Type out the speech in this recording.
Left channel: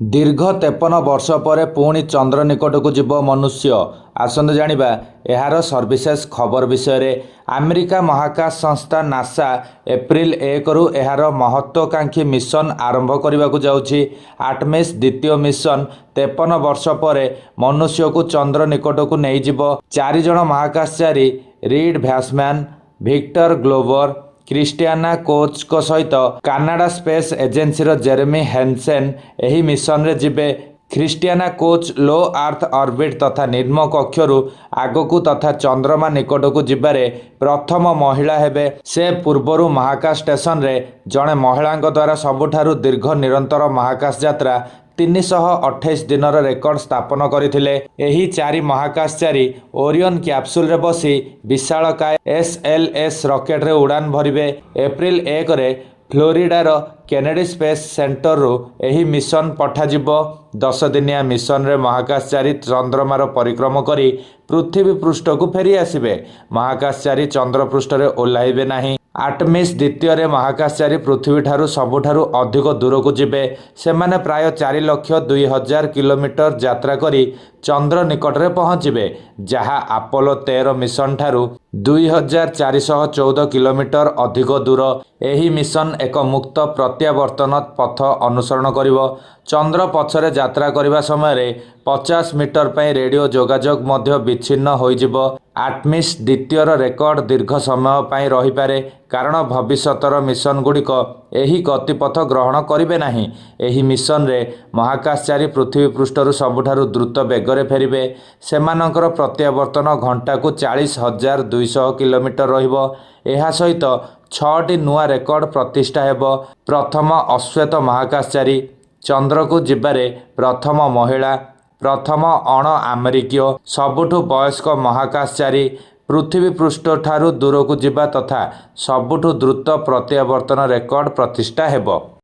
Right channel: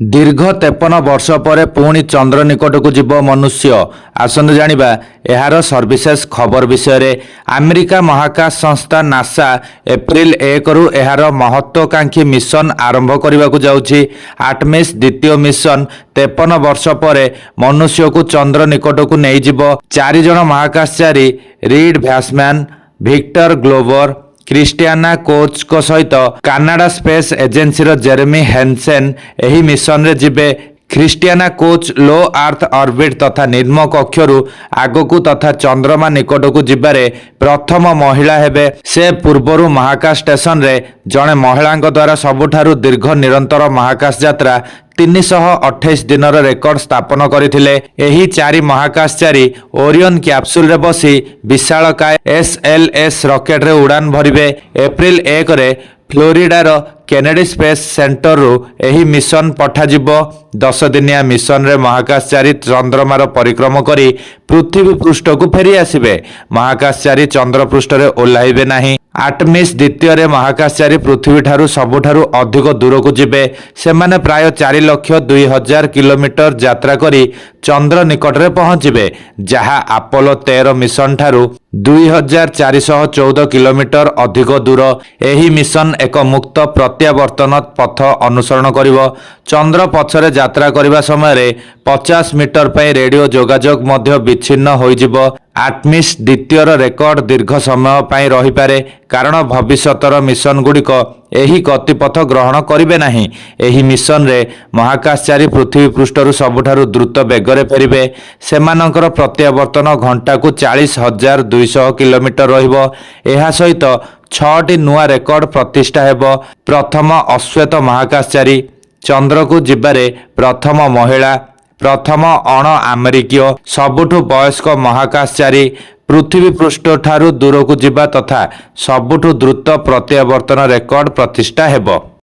दीर्घ 53 वर्ष पर पुणी चंद्र निकट को जीव मनुष्य आसନ୍ତୁ जानिबा एहार सर्विसेस खबर विषय रे। अमेरिका महाकाश संस्था नासा एप्रिल 1 रु एहार महत्वाकांक्षी मिशन आरंभ करने को जाउछि। आर्टेमिस द्वितीय मिशन 53 वर्ष पर मनुष्य को चंद्र निकट को नहीं जीव। 4 जन महाकाशचारी Reid Wiseman, Victor Glover, Christina Koch को सहित कनाडा स्पेस एजेंसी रो जेरेमी हेन्सेन एही मिशन रे जिबे। Christina Koch low earth orbit तथा निम्न कक्षरु आगकू तथा चंद्रमा निकट को जिबारे प्रथम महिला हेबे। से पूर्वरु महाकाश स्टेशन रे जणे महिलांक द्वारा सबुठारु दीर्घ निरंतर महाकाश यात्रा 328 दिनर रेकर्ड स्थापन करथिले। एही 4 महाकाशचारी ओरियन कैप्सूल रे बसी विशालकाय SLS रॉकेट रे उड़ान भरिबे। एप्रिल 1 रे फ्लोरिडार केनेडी स्पेस सेंटर रु एही मिशन पठाजिब। 10 दिनिया मिशन रे महाकाशचारी चंद्रमार परिक्रम करी पृथ्वी पृष्ठ को फेरी आसिबे। महाकाशचारी चंद्र पृष्ठ रे ओल्हाइबे नाही। आर्टेमिस द्वितीय रे महाकाशचारी पृथ्वी ठारू सबुठारू अधिक दूर को जिबे। सेमाने प्राय 4,02,000 किलोमीटर यात्रा करी चंद्र निकट रे पहुंचीबे, जहा अपोलो 13 मिशन ठारू 2,414 किलोमीटर अधिक दूर। एही मिशन एक मुक्त प्रत्यावर्तन पथ अनुसरण करिवो। चंद्र पछरे यात्रा करिबा समय 50 मीटर पई रेडियो जोगाजोग मध्य विच्छिन्न होइजिबो। आर्टेमिस द्वितीय रेकर्ड दीर्घ समय पई रही पारे, कारण भविष्यतर मिशन गुड़िक एही गतिपथ ग्रहण करिवे नाही। एही मिशन रे महाकाशचारी पृथ्वी पृष्ठरु सबुठारु द्रुत बेगरे फेरिबे। सेमानकर प्रत्यावर्तन घंटा को 40,200 किलोमीटर रहिबो। एहा सहित 6टी नुआ रेकर्ड प्रतिष्ठा हेबो। प्रथम अश्वेत महाकाशचारी, चंद्र को जिबारे प्रथम महिला, प्रथम अण अमेरिकीय, सबुठु वयस्क महाकाशचारी, पृथ्वी पृष्ठ ठारू दूर को जिबा तथा सबुठु द्रुत प्रत्यावर्तन रेकर्ड प्रतिष्ठा हेबो।